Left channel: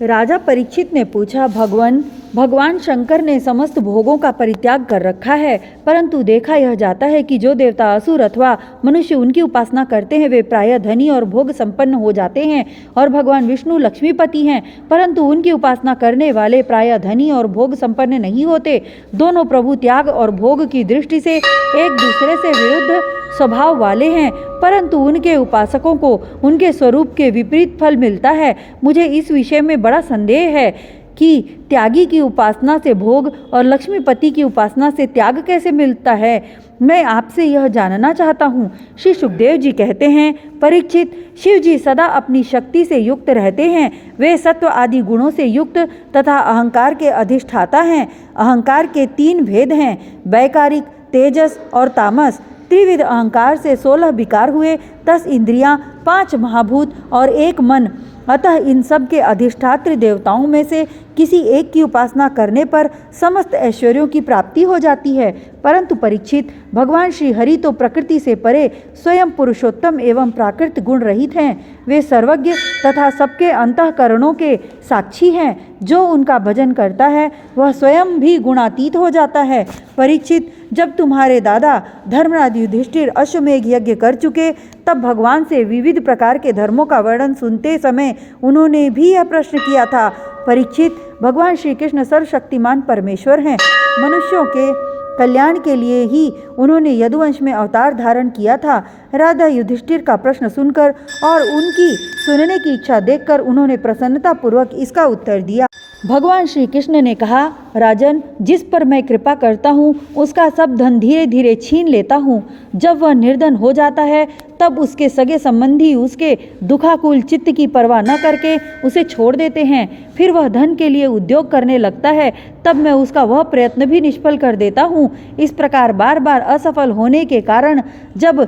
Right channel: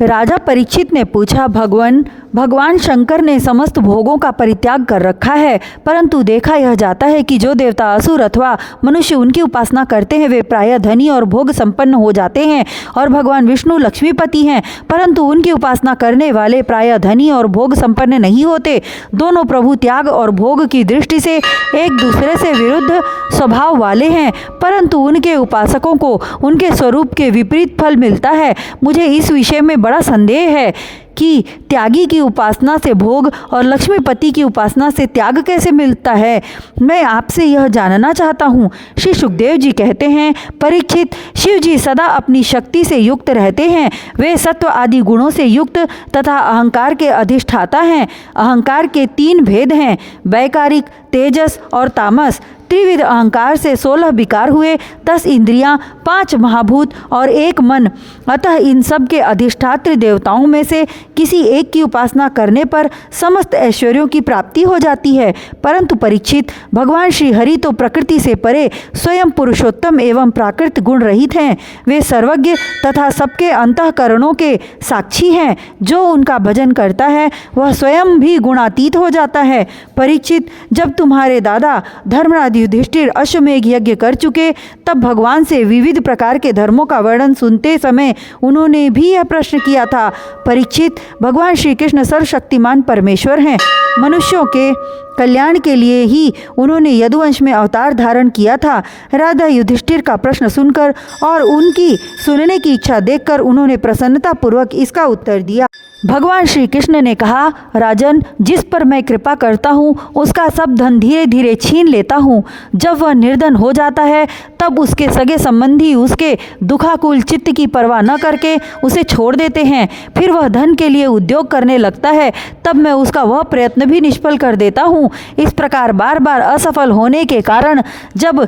राजा परीक्षित ने पूछा, भगवान शंकर ने समस्त भोगों का परित्याग कर रखा है, परंतु देखा यह जाता है कि जो देवता, असुर अथवा मनुष्य उनकी उपासना करते हैं वे प्रायः धनी और भोग संपन्न हो जाते हैं, और भगवान विष्णु लक्ष्मीपति हैं, परंतु उनकी उपासना करने वाले प्रायः धनी और भोग संपन्न नहीं होते। दोनों प्रभु त्याग और भोग की दृष्टि से एक दूसरे से विरुद्ध स्वभाव वाले हैं, परंतु उनके उपासकों को उनके स्वरूप के विपरीत फल मिलता है। मुझे इस विषय में बड़ा संदेह है कि त्यागी की उपासना से भोग और लक्ष्मीपति की उपासना से त्याग कैसे मिलता है। मैं आपसे यह जानना चाहता हूँ। श्री सुखदेव जी कहते हैं, परीक्षित, शिव जी सदा अपनी शक्ति से युक्त रहते हैं। वे सत्व आदि गुणों से युक्त तथा अहंकार के अधिष्ठाता हैं। अहंकार के 3 भेद हैं, वैकारिक, तेजस और तामस। त्रिविध अहंकार से 16 विकार हुए, 10 इंद्रियां, 5 महाभूत और 1 मन। अतः इन सब के अधिष्ठात्री देवताओं में से किसी एक की उपासना करने पर समस्त ऐश्वर्यों की प्राप्ति हो जाती है। परंतु परीक्षित, भगवान श्री हरि तो प्रकृति से परे स्वयं पुरुषोत्तम एवं प्राकृत गुण रहित हैं। वे सर्वज्ञ तथा सबके अंतःकरणों के साक्षी हैं। जो उनका भजन करता है वह स्वयं भी गुणातीत हो जाता है। परीक्षित, जब तुम्हारे दादा धर्मराज युधिष्ठिर अश्वमेघ यज्ञ कर चुके, तब भगवान से विविध प्रकार के धर्मों का वर्णन सुनते समय उन्होंने भी यह प्रश्न किया था। परीक्षित, भगवान श्री कृष्ण सर्वशक्तिमान परमेश्वर हैं। मनुष्यों के कल्याण के लिए ही उन्होंने यदुवंश में अवतार धारण किया था। राजा युधिष्ठिर का प्रश्न सुनकर और उनकी सुनने की इच्छा देखकर उन्होंने प्रसन्नतापूर्वक इसका उत्तर दिया। भगवान श्री कृष्ण ने कहा, राजन, जिस पर मैं कृपा करता हूँ उसका सब धन धीरे धीरे छीन लेता हूँ। जब वह निर्धन हो जाता है तब उसके सगे संबंधी उसके दुखाकुल चित्त की परवाह न करके उसे छोड़ देते हैं। फिर वह धन के लिए उद्योग करने लगता है, तब मैं उसका वह प्रयत्न भी निष्फल कर देता हूँ। इस प्रकार बार बार असफल होने के कारण जब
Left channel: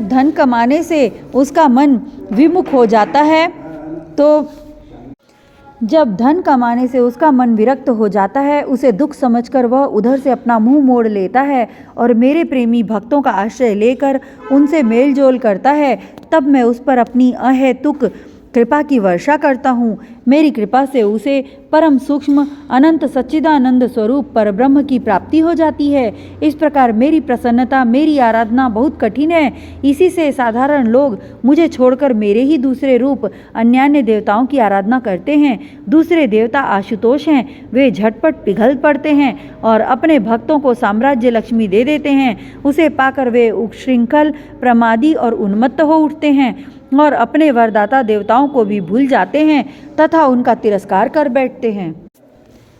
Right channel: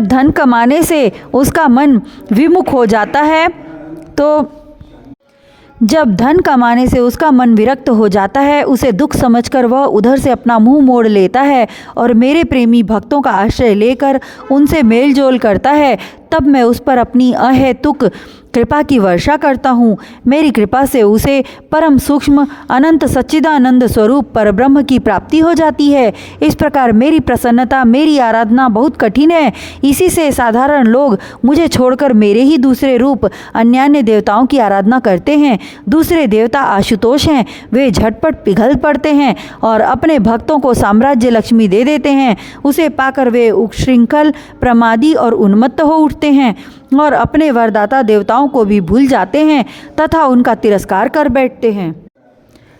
धन कमाने से उसका मन विमुख हो जाता है जब धन कमाने से उसका मन विरक्त हो जाता है, उसे दुख समझकर वह उधर से अपना मुंह मोड़ लेता है और मेरे प्रेमी भक्तों का आश्रय लेकर उनसे मेलजोल करता है। तब मैं उस पर अपनी अहेतुक कृपा की वर्षा करता हूँ। मेरी कृपा से उसे परम सूक्ष्म अनंत सच्चिदानंद स्वरूप परब्रह्म की प्राप्ति हो जाती है। इस प्रकार मेरी प्रसन्नता, मेरी आराधना बहुत कठिन है। इसी से साधारण लोग मुझे छोड़कर मेरे ही दूसरे रूप अन्यान्य देवताओं की आराधना करते हैं। दूसरे देवता आशुतोष हैं। वे झटपट पिघल पड़ते हैं और अपने भक्तों को साम्राज्य लक्ष्मी दे देते हैं। उसे पाकर वे उच्छृंखल, प्रमादी और उन्मत्त हो उठते हैं और अपने वरदाता देवताओं को भी भूल जाते हैं तथा उनका तिरस्कार कर बैठते हैं।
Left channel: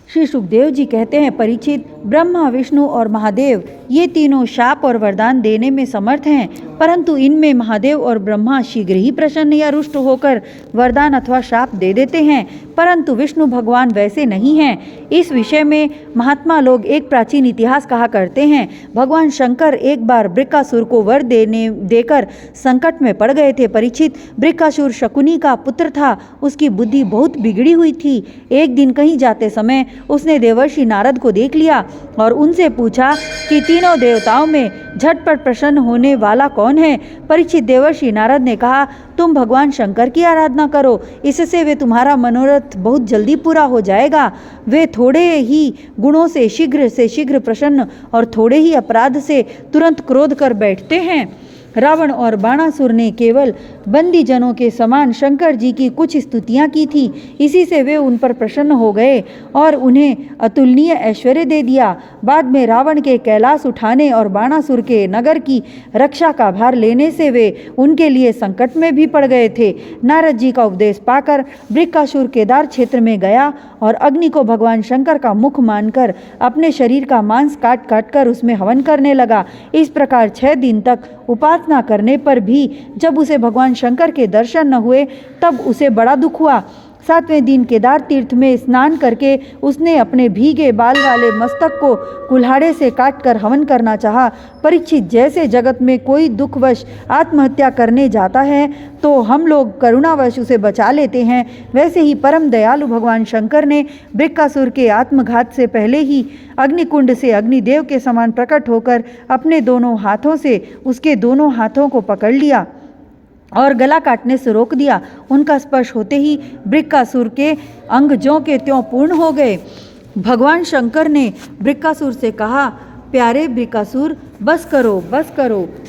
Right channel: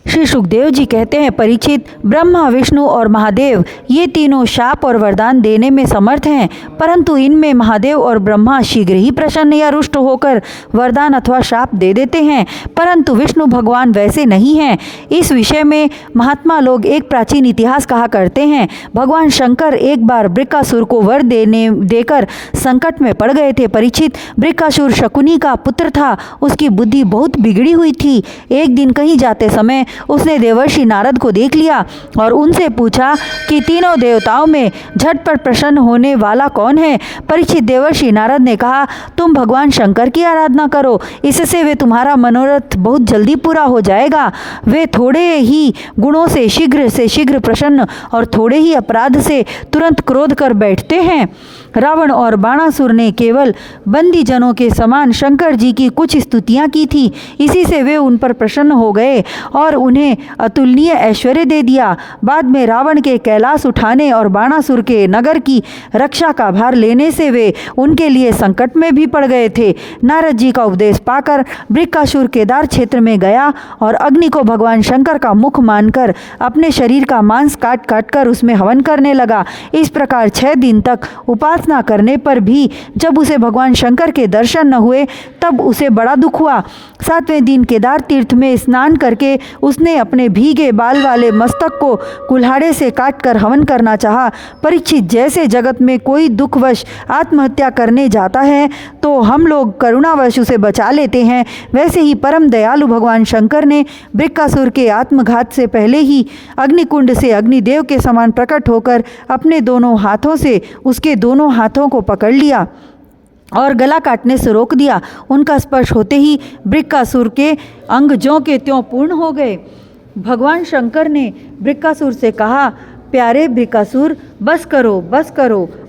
श्री सुखदेव जी कहते हैं, परीक्षित, ब्रह्मा, विष्णु और महादेव ये तीनों शाप और वरदान देने में समर्थ हैं, परंतु इनमें महादेव और ब्रह्मा शीघ्र ही प्रसन्न या रुष्ट होकर वरदान अथवा शाप दे देते हैं, परंतु विष्णु भगवान वैसे नहीं हैं। इस विषय में महात्मा लोग एक प्राचीन इतिहास कहा करते हैं। भगवान शंकर एक बार बृकासुर को वर देकर संकट में पड़ गए थे। परीक्षित, बृकासुर शकुनी का पुत्र था। उसकी बुद्धि बहुत बिगड़ी हुई थी। एक दिन कहीं जाते समय उसने देवर्षि नारद को देख लिया और उनसे पूछा कि तीनों देवताओं में झटपट प्रसन्न होने वाला कौन है। परीक्षित, देवर्षि नारद ने कहा, तुम भगवान शंकर की आराधना करो, इससे वे तुम्हारा मनोरथ बहुत जल्दी पूरा हो जाएगा। वे थोड़े ही गुणों से शीघ्र प्रसन्न और थोड़े ही अपराध से तुरंत क्रोध कर बैठते हैं। रावण और बाणासुर ने केवल बंदी जनों के समान शंकर जी की कुछ स्तुतियां की थी। इसी से वे उन पर प्रसन्न हो गए और उन्हें अतुलनीय ऐश्वर्य दे दिया। बाद में रावण के कैलाश उठाने और बाणासुर के नगर की रक्षा का भार लेने से वे उनके लिए संकट में भी पड़ गए थे। नारद जी का उपदेश पाकर बृकासुर केदार क्षेत्र में गया और अग्नि को भगवान शंकर का मुख मानकर अपने शरीर का मांस काट काट कर उसमें हवन करने लगा। इस प्रकार 6 दिन तक उपासना करने पर भी जब उसे भगवान शंकर के दर्शन न हुए तब उसे बड़ा दुख हुआ। 7वें दिन केदार तीर्थ में स्नान करके उसने अपने भीगे बाल वाले मस्तक को कुल्हाड़े से काटकर हवन करना चाहा। परीक्षित, जैसे जगत में कोई दुखवश आत्महत्या करने जाता है तो हम लोग करुणावश उसे बचा लेते हैं, वैसे ही परम दयालु भगवान शंकर ने बृकासुर के आत्मघात से पहले ही अग्निकुंड से अग्निदेव के समान प्रकट होकर अपने दोनों हाथों से उसके दोनों हाथों को पकड़ लिया और गला काटने से रोक दिया। उनका स्पर्श होते ही वृक्कासुर के अंग ज्यों के त्यों पूर्ण हो गए। भगवान शंकर ने वृक्कासुर से कहा, प्यारे वृक्कासुर, बस करो,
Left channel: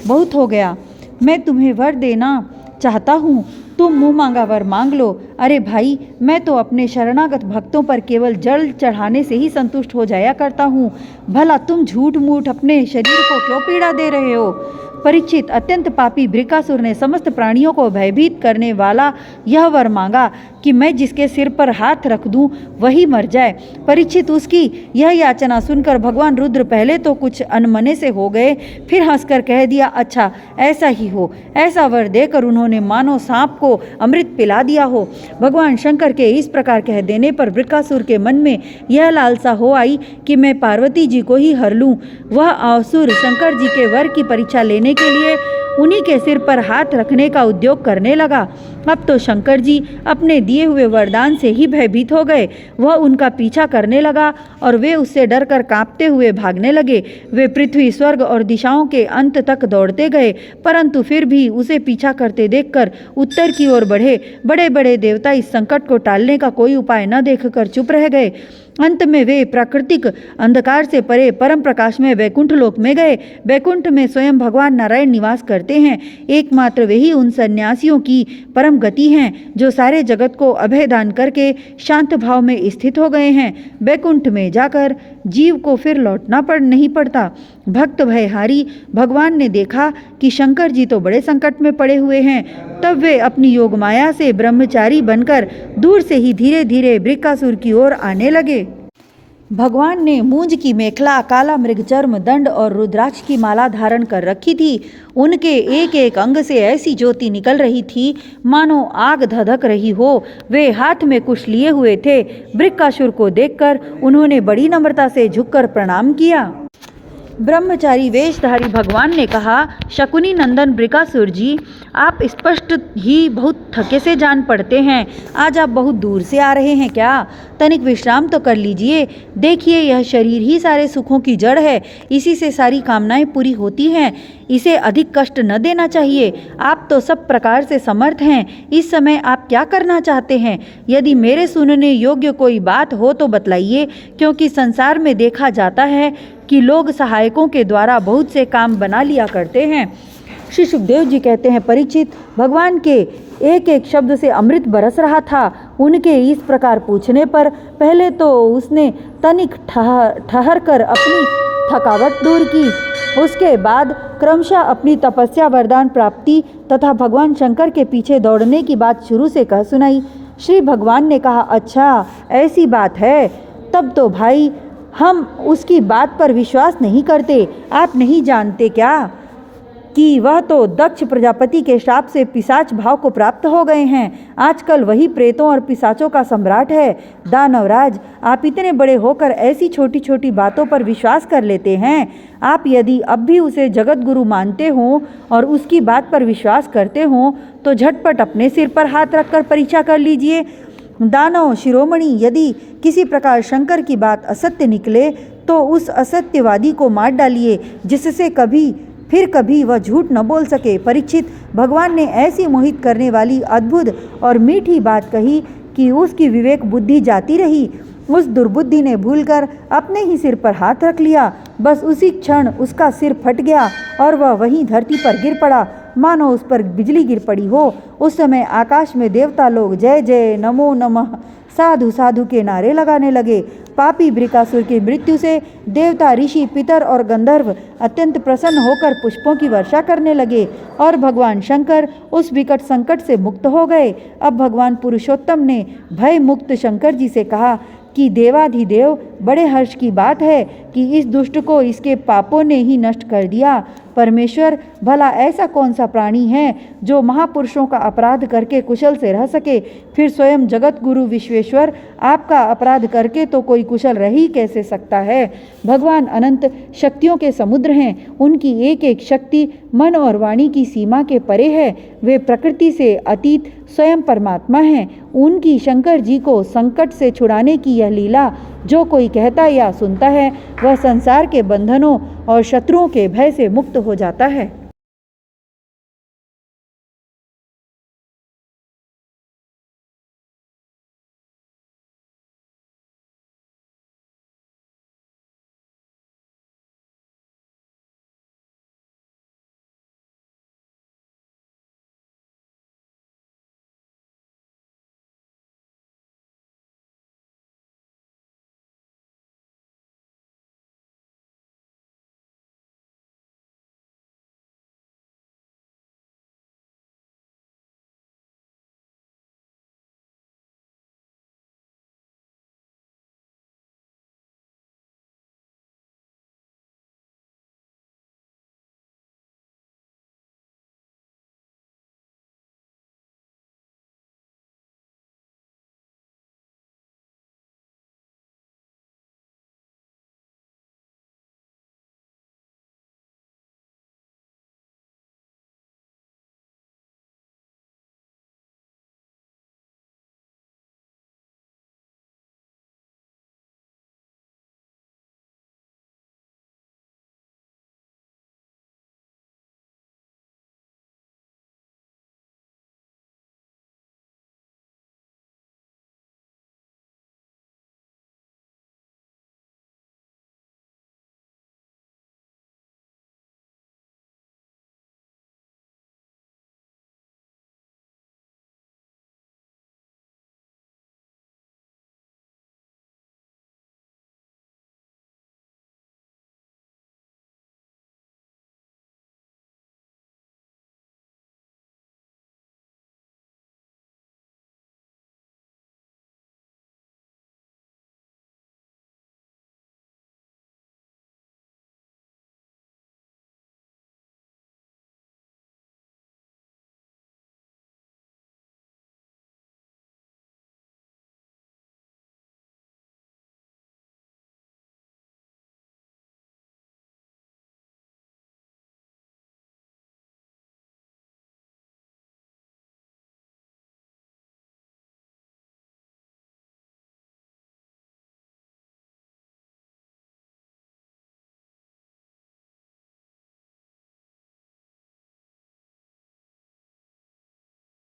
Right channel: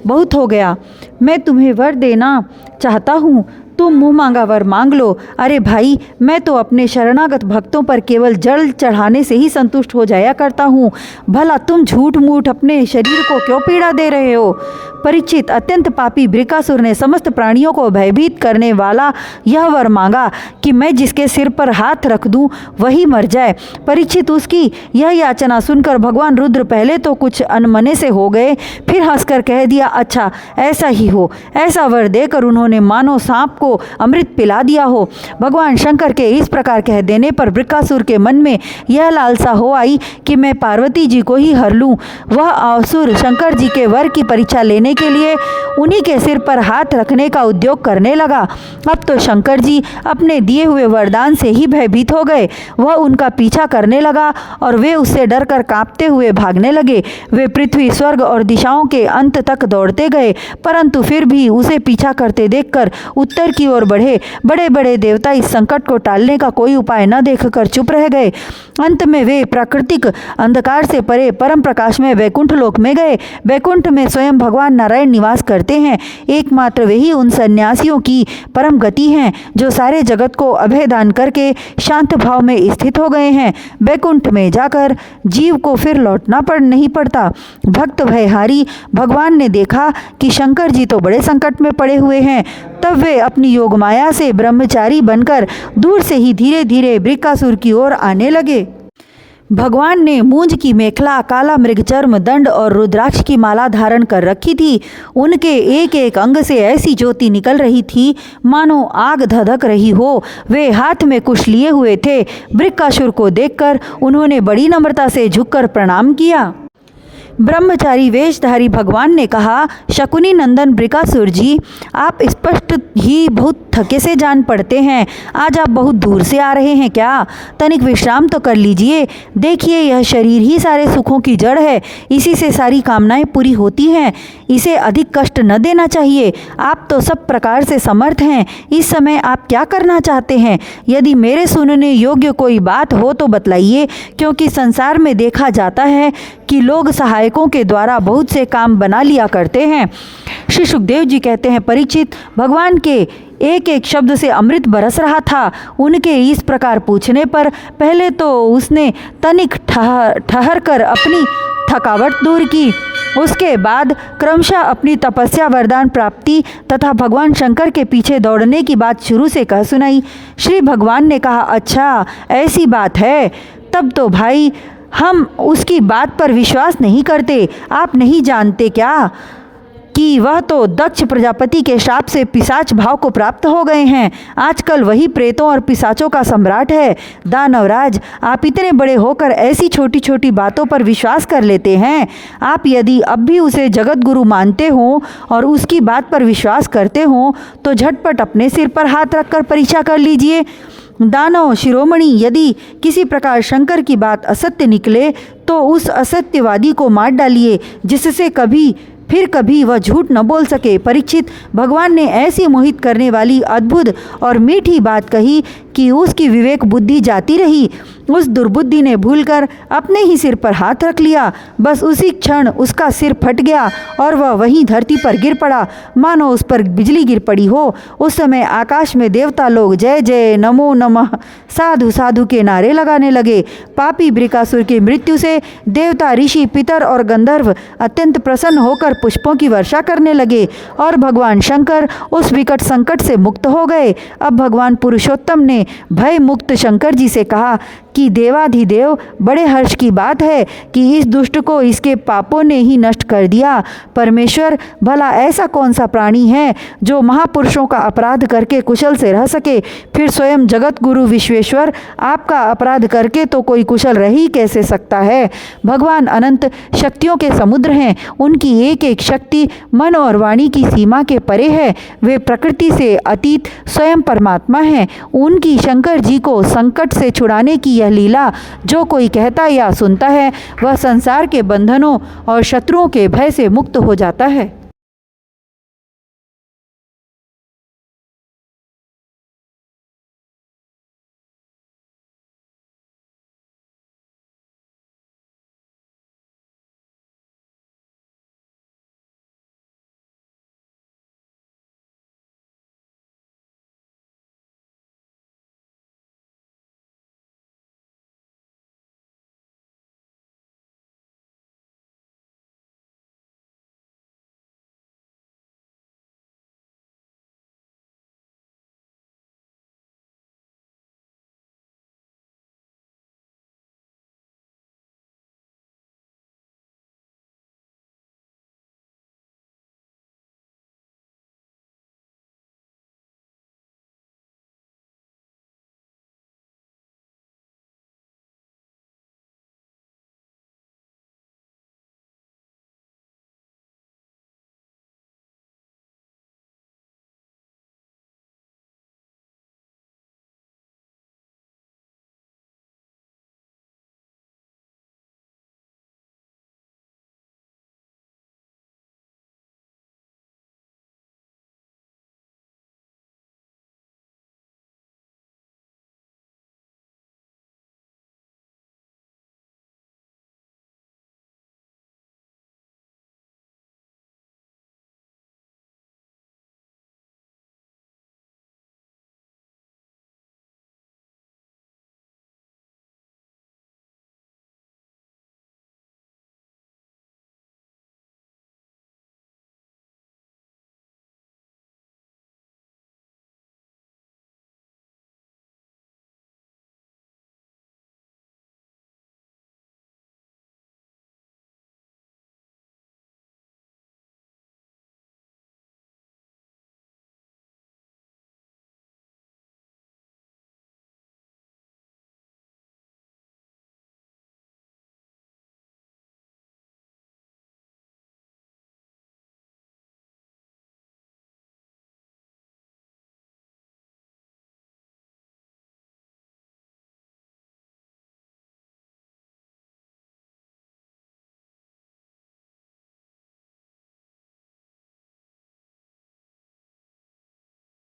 बहुत हो गया। मैं तुम्हें वर देना चाहता हूँ, तुम मुँह मांगा वर मांग लो। अरे भाई, मैं तो अपने शरणागत भक्तों पर केवल जल चढ़ाने से ही संतुष्ट हो जाया करता हूँ। भला तुम झूठ मूठ अपने शरीर को क्यों पीड़ा दे रहे हो? परीक्षित, अत्यंत पापी वृक्कासुर ने समस्त प्राणियों को भयभीत करने वाला यह वर मांगा कि मैं जिसके सिर पर हाथ रख दूं वही मर जाए। परीक्षित, उसकी यह याचना सुनकर भगवान रुद्र पहले तो कुछ अनमने से हो गए, फिर हंसकर कह दिया, अच्छा ऐसा ही हो। ऐसा वर देकर उन्होंने मानो सांप को अमृत पिला दिया हो। भगवान शंकर के इस प्रकार कह देने पर वृक्कासुर के मन में यह लालसा हो आई कि मैं पार्वती जी को ही हर लूं। वह असुर शंकर जी के वर की परीक्षा लेने के लिए उन्हीं के सिर पर हाथ रखने का उद्योग करने लगा। अब तो शंकर जी अपने दिए हुए वरदान से ही भयभीत हो गए। वह उनका पीछा करने लगा और वे उससे डरकर कांपते हुए भागने लगे। वे पृथ्वी, स्वर्ग और दिशाओं के अंत तक दौड़ते गए, परंतु फिर भी उसे पीछा करते देखकर उत्तर की ओर बढ़े। बड़े बड़े देवता इस संकट को टालने का कोई उपाय न देखकर चुप रह गए। अंत में वे प्राकृतिक अंधकार से परे परम प्रकाश में वैकुंठ लोक में गए। वैकुंठ में स्वयं भगवान नारायण निवास करते हैं। एकमात्र वे ही उन सन्यासियों की परम गति हैं जो सारे जगत को अभय दान करके शांत भाव में स्थित हो गए हैं। वैकुंठ में जाकर जीव को फिर लौटना नहीं पड़ता। भक्त भयहारी भगवान ने देखा कि शंकर जी तो बड़े संकट में पड़े हुए हैं। तब वे अपनी योग माया से ब्रह्मचारी बनकर दूर से ही धीरे धीरे वृक्कासुर की ओर आने लगे। भगवान ने मूंज की मेखला, काला मृगचर्म, दंड और रुद्राक्ष की माला धारण कर रखी थी। उनके एक एक अंग से ऐसी ज्योति निकल रही थी मानो आग धधक रही हो। वे हाथ में कुश लिए हुए थे। वृक्कासुर को देखकर उन्होंने बड़ी नम्रता से झुककर प्रणाम किया। ब्रह्मचारी वेशधारी भगवान ने कहा, शकुनी नंदन वृक्कासुर जी, आप स्पष्ट ही बहुत थके से जान पड़ते हैं। आज आप बहुत दूर से आ रहे हैं क्या? तनिक विश्राम तो कर लीजिए। देखिए, यह शरीर ही सारे सुखों की जड़ है। इसी से सारी कामनाएं पूरी होती हैं। इसे अधिक कष्ट न देना चाहिए। आप तो सब प्रकार से समर्थ हैं। इस समय आप क्या करना चाहते हैं? यदि मेरे सुनने योग्य कोई बात हो तो बतलाइए, क्योंकि संसार में देखा जाता है कि लोग सहायकों के द्वारा बहुत से काम बना लिया करते हैं। श्री सुखदेव जी कहते हैं, परीक्षित, भगवान के एक एक शब्द से अमृत बरस रहा था। उनके इस प्रकार पूछने पर पहले तो उसने तनिक ठहर कर अपनी थकावट दूर की। उसके बाद क्रमशः अपनी तपस्या, वरदान प्राप्ति तथा भगवान शंकर के पीछे दौड़ने की बात शुरू से कह सुनाई। श्री भगवान ने कहा, अच्छा ऐसी बात है, तब तो भाई हम उसकी बात पर विश्वास नहीं करते। आप नहीं जानते क्या कि वह तो दक्ष प्रजापति के श्राप से पिशाच भाव को प्राप्त हो गए हैं। आजकल वही प्रेतों और पिशाचों का सम्राट है। दानवराज, आप इतने बड़े होकर ऐसी छोटी छोटी बातों पर विश्वास कर लेते हैं। आप यदि अब भी उसे जगत गुरु मानते हो और उसकी बात पर विश्वास करते हो तो झटपट अपने सिर पर हाथ रखकर परीक्षा कर लीजिए। दानव शिरोमणि, यदि किसी प्रकार शंकर की बात असत्य निकले तो उस असत्यवादी को मार डालिए, जिससे कभी वह झूठ न बोल सके। परीक्षित, भगवान ने ऐसी मोहित करने वाली अद्भुत और मीठी बात कही कि उसकी विवेक बुद्धि जाती रही। उस दुर्बुद्धि ने भूलकर अपने ही सिर पर हाथ रख लिया। बस उसी क्षण उसका सिर फट गया और वह वहीं धरती पर गिर पड़ा, मानो उस पर बिजली गिर पड़ी हो। उस समय आकाश में देवता लोग जय जय, नमो नमः, साधु साधु के नारे लगाने लगे। पापी वृक्कासुर की मृत्यु से देवता, ऋषि, पितर और गंधर्व अत्यंत प्रसन्न होकर पुष्पों की वर्षा करने लगे और भगवान शंकर उस विकट संकट से मुक्त हो गए। अब भगवान पुरुषोत्तम ने भय मुक्त शंकर जी से कहा कि देवाधिदेव, बड़े हर्ष की बात है कि इस दुष्ट को इसके पापों ने ही नष्ट कर दिया। परमेश्वर, भला ऐसा कौन सा प्राणी है जो महापुरुषों का अपराध करके कुशल से रह सके? फिर स्वयं जगत गुरु विश्वेश्वर, आपका अपराध करके तो कोई कुशल रह ही कैसे सकता है? भगवान अनंत शक्तियों के समुद्र हैं। उनकी एक एक शक्ति मन और वाणी की सीमा के परे है। वे प्रकृति से अतीत स्वयं परमात्मा हैं। उनकी शंकर जी को संकट से छुड़ाने की यह लीला जो कोई कहता या सुनता है, वह संसार के बंधनों और शत्रुओं के भय से मुक्त हो जाता है।